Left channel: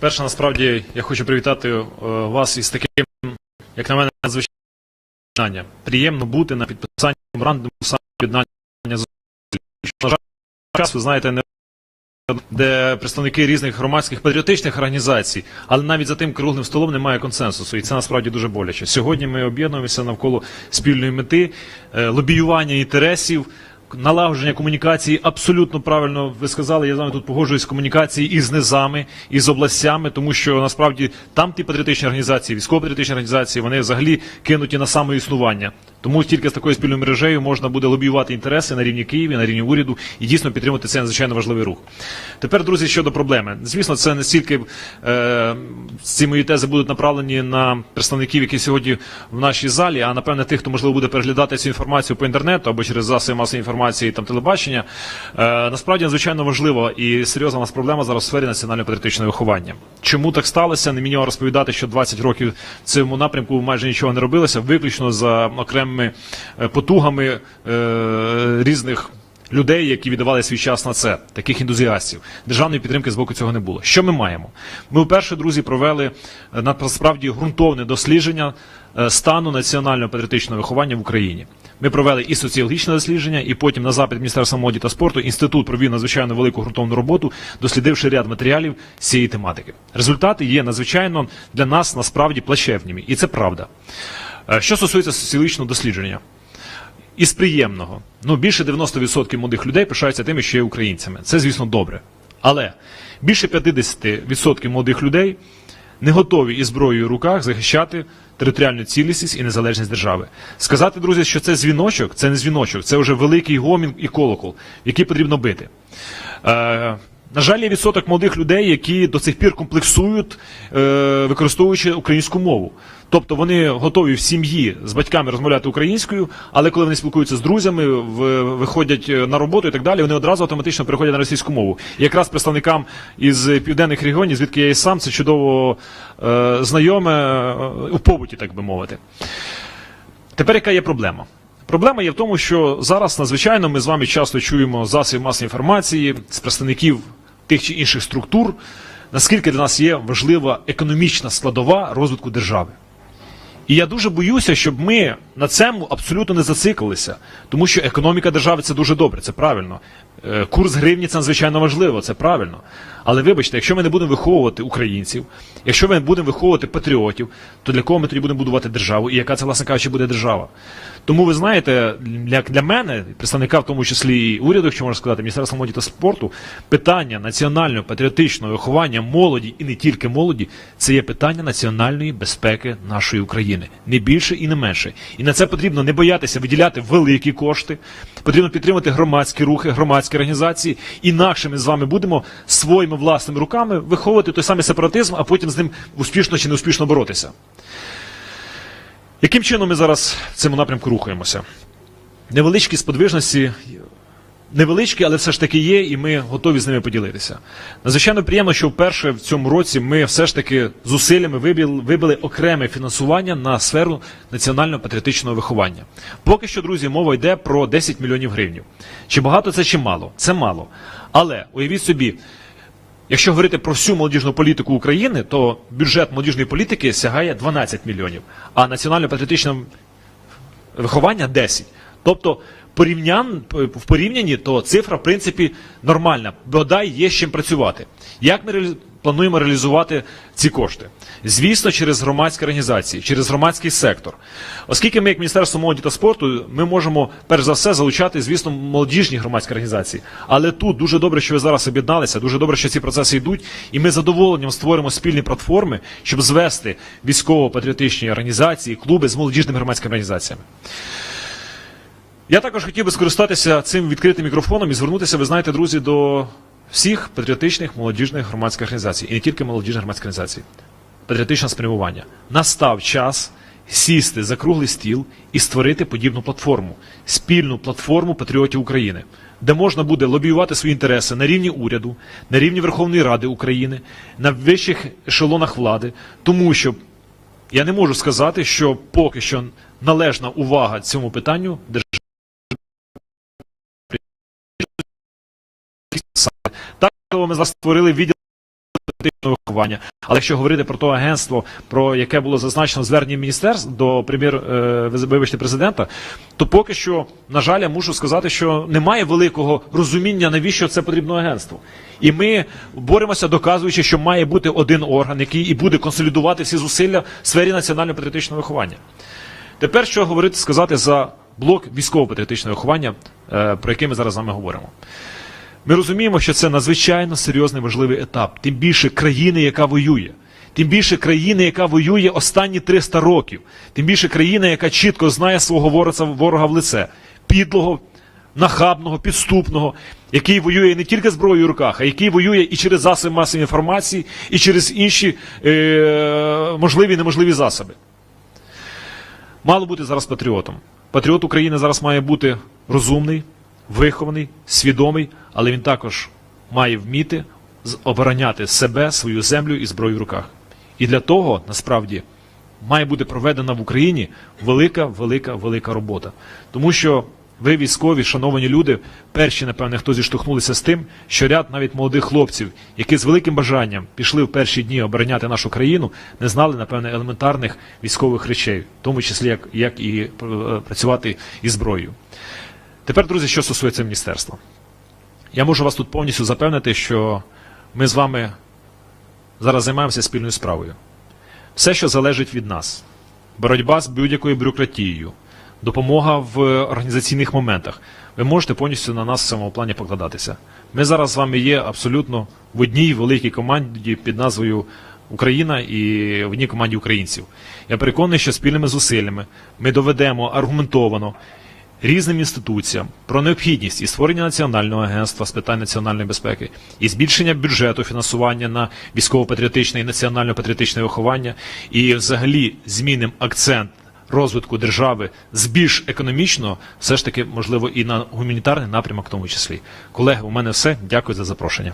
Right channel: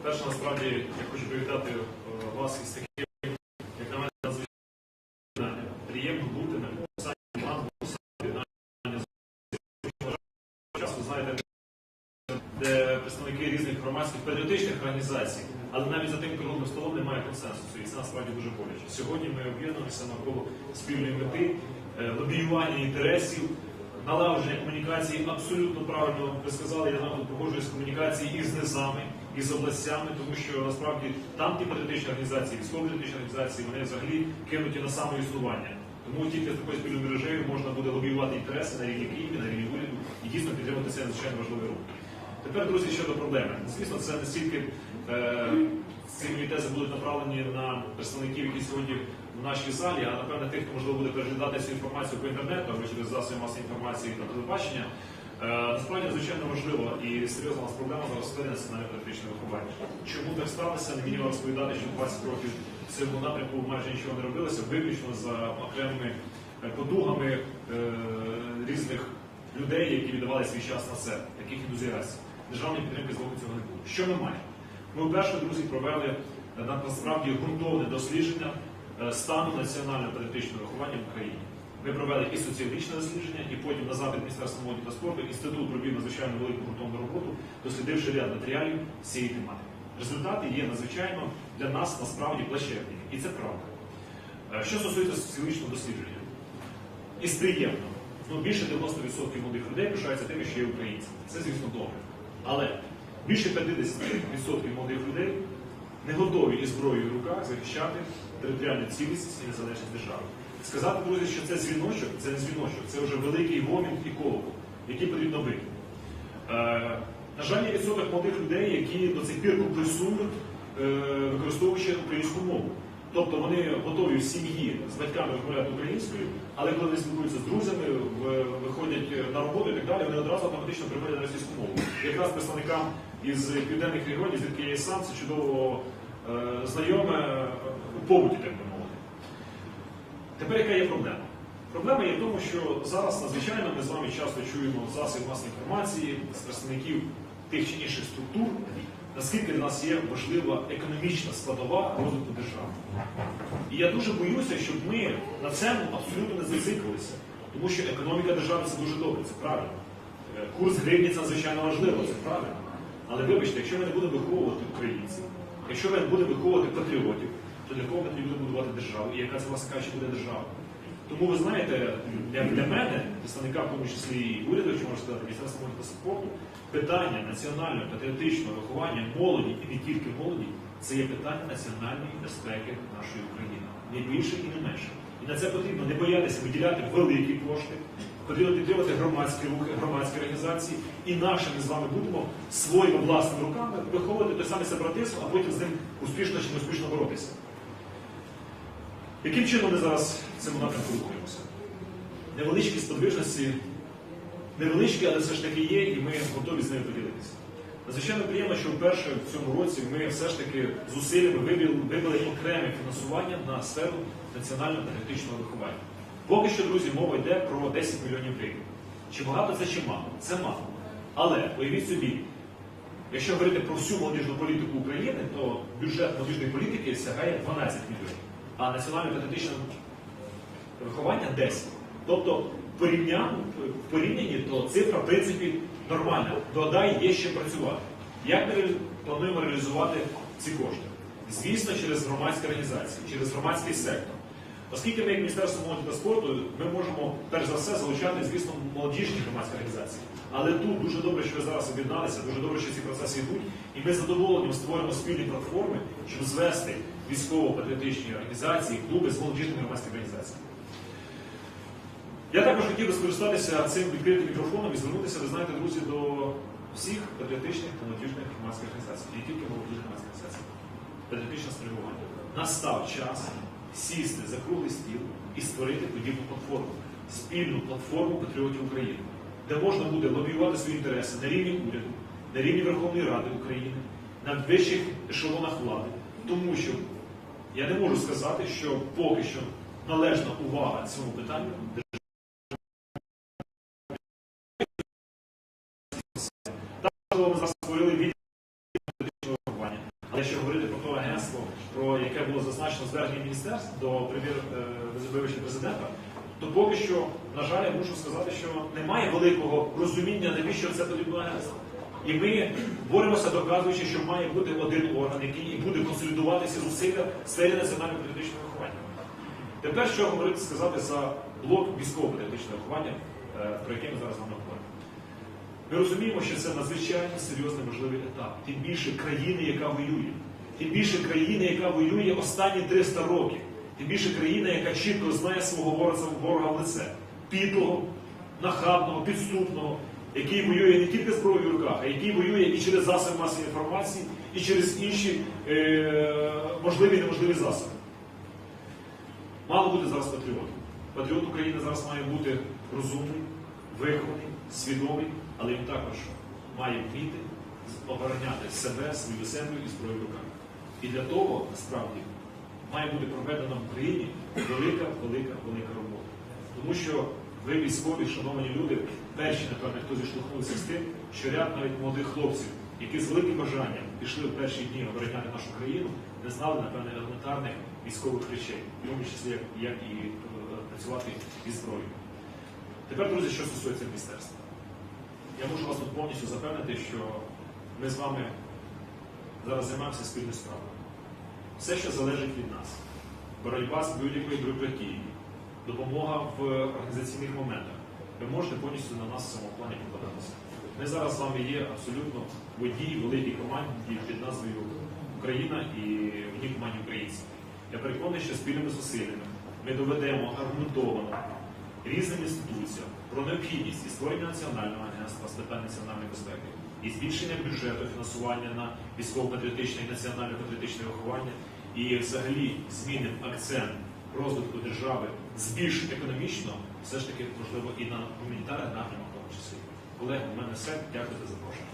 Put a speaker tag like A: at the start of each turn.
A: Перше, насправді, я хочу привітати е, вас із таким, як на мене, надзвичайним. Приємно бути на підписанні меморандуму самоєднання з На жаль, час, ви знаєте, не де представники різних громадських патріотичних організацій, але навіть за тим круглим столом немає консенсусу, і це насправді дуже боляче. Сьогодні ми об'єднуємося навколо спільної мети, е, лобіювання інтересів. Налагодження комунікації абсолютно правильно ви сказали. Я з вами тут погоджуюсь комунікації із низами, із областями, тому що насправді там ті патріотичні організації, військово-патріотичні організації, вони взагалі кинуті на самоіснування. Тому тільки з такою спільною мережею можна буде лобіювати інтереси на рівні Києві, на рівні уряду і дійсно підтримати цей надзвичайно важливий рух. Тепер, друзі, щодо проблеми. Звісно, це не стільки е, ці мої тези будуть направлені на представників, які сьогодні в нашій залі, а напевне тих, хто можливо буде переглядати цю інформацію по інтернету або через засоби масової інформації там телебачення. Е, насправді надзвичайно важлива і серйозна у нас проблема зараз в сфері національно-патріотичного виховання. Чому так сталося? Не мені розповідати, що 20 років в цьому напрямку майже нічого не робилося, виключно за окремими е, потугами е, різних людей, які віддавали свій час на це, таких ентузіастів. Державної підтримки з боку цього не було. Що ми маємо? Ми вперше, друзі, провели е, насправді ґрунтовне дослідження стану національного патріотичного виховання в Україні. Ми провели і соціологічне дослідження, і потім на запит Міністерства молоді та спорту інститут провів надзвичайно велику ґрунтовну роботу, дослідивши ряд матеріалів цієї тематики. Результати є надзвичайно для нас насправді плачевними, і це правда. Е, Що стосується соціологічного дослідження, із приємного, ну більше 90% молодих людей пишаються тим, що є українцями. Це, звісно, добре. Але більше 50% молодих людей не готові із зброєю в руках захищати територіальну цілісність і незалежність держави. Сказати, друзі, що це дзвіночок, це не дзвіночок, це вже великий гомін і колокол, який потрібно бити. На жаль, є відсоток молодих людей, які до цих пір комплексують, е, використовуючи українську мову. Тобто вони готові в сім'ї з батьками розмовляти українською, але коли вони спілкуються з друзями, виходять е, на роботу і так далі, вони одразу автоматично переходять на російську мову. І якраз представникам із південних регіонів, звідки я і сам, це чудово е, знайоме у побуті, так би мовити. Тепер яка є проблема? Проблема є в тому, що зараз надзвичайно ми з вами часто чуємо з засобів масової інформації з представників тих чи інших структур, наскільки для нас є важлива економічна складова розвитку держави. І я дуже боюся, щоб ми на цьому абсолютно не зациклилися, тому що економіка держави це дуже добре, це правильно. Е, Курс гривні це надзвичайно важливо, це правильно. Але вибачте, якщо ми не будемо виховувати українців, якщо ми не будемо виховувати патріотів, то для кого ми тоді будемо будувати державу і яка це, власне кажучи, буде держава? Тому ви знаєте, для, для мене, представника в тому числі і уряду, якщо можна сказати, Міністерства молоді та спорту, питання національного патріотичного виховання молоді і не тільки молоді, це є питання національної безпеки нашої України. Не більше і не менше. І на це потрібно не боятися виділяти великі кошти, потрібно підтримати громадські рухи, громадські організації. Інакше ми з вами будемо своїми власними руками виховувати той самий сепаратизм, а потім з ним успішно чи неуспішно боротися. Яким чином ми зараз в цьому напрямку рухаємося? Невеличкі сподвижності, невеличкі, але все ж таки є, і ми готові з ними поділитися. Надзвичайно приємно, що вперше в цьому році ми все ж таки зусиллями вибили, вибили окреме фінансування на сферу національно-патріотичного виховання. Поки що, друзі, мова йде про 10 мільйонів гривень. Чи багато це, чи мало? Це мало. Але уявіть собі, Якщо говорити про всю молодіжну політику України, то бюджет молодіжної політики сягає 12 мільйонів, а національно-патріотичне виховання 10. Тобто порівнян, в порівнянні, то цифра, в принципі, нормальна. Бодай є з чим працювати. Як ми плануємо реалізувати ці кошти? Звісно, через громадські організації, через громадський сектор. Оскільки ми, як Міністерство молоді та спорту, ми можемо перш за все залучати, звісно, молодіжні громадські організації. Але тут дуже добре, що ви зараз об'єдналися, дуже добре, що ці процеси йдуть, і ми з задоволенням створимо спільні платформи, щоб звести військово-патріотичні організації, клуби з молодіжними громадськими організаціями. Я також хотів би скористатися цим відкритим мікрофоном і звернутися, ви знаєте, друзі, до всіх патріотичних молодіжних громадських організацій, і не тільки молодіжних громадських організацій. Патріотичне спрямування. Настав час сісти за круглий стіл і створити подібну платформу, спільну платформу патріотів України, де можна буде лобіювати свої інтереси на рівні уряду, на рівні Верховної Ради України, на вищих ешелонах влади, тому що я не можу сказати, що поки що належна увага цьому питанню держави. Так, ми зараз створили відділ патріотичного виховання. Але якщо говорити про то агентство, про яке було зазначено в зверненні міністерств до прем'єр, е, вибачте, президента, то поки що, на жаль, я мушу сказати, що немає великого розуміння, навіщо це потрібно агентство. І ми боремося, доказуючи, що має бути один орган, який і буде консолідувати всі зусилля в сфері національно-патріотичного виховання. Тепер що говорити сказати за блок військово-патріотичного виховання, е, про який ми зараз з вами говоримо. Ми розуміємо, що це надзвичайно серйозний важливий етап, тим більше країни, яка воює, тим більше країни, яка воює останні 300 років, тим більше країна, яка чітко знає свого ворога, в лице, підлого, нахабного, підступного, який воює не тільки зброєю в руках, а який воює і через засоби масової інформації, і через інші е, можливі і неможливі засоби. Мало бути зараз патріотом. Патріот України зараз має бути розумний, вихований, свідомий, але він також має вміти обороняти себе, свою землю і зброю в руках. І для того насправді має бути проведена в Україні велика, велика, велика робота. Тому що ви, військові, шановані люди, перші, напевне, хто зіштовхнулися з тим, що ряд навіть молодих хлопців, які з великим бажанням пішли в перші дні обороняти нашу країну, не знали, напевне, елементарних військових речей, в тому числі як, як і е, працювати із зброєю. Тепер, друзі, що стосується міністерства. Я можу вас тут повністю запевнити, що ми з вами зараз займаємося спільною справою. Все, що залежить від нас, боротьба з будь-якою бюрократією, допомога в організаційних моментах. Ви можете повністю на нас в цьому плані покладатися. Ми зараз з вами є абсолютно в одній великій команді під назвою Україна і в одній команді українців. Я переконаний, що спільними зусиллями ми доведемо аргументовано різним інституціям про необхідність і створення національного агентства з питань національної безпеки, і збільшення бюджету фінансування на військово-патріотичне і національно-патріотичне виховання, і взагалі змінимо акцент розвитку держави з більш економічного, все ж таки, можливо, і на гуманітарний напрямок в тому числі. Колеги, у мене все. Дякую за запрошення.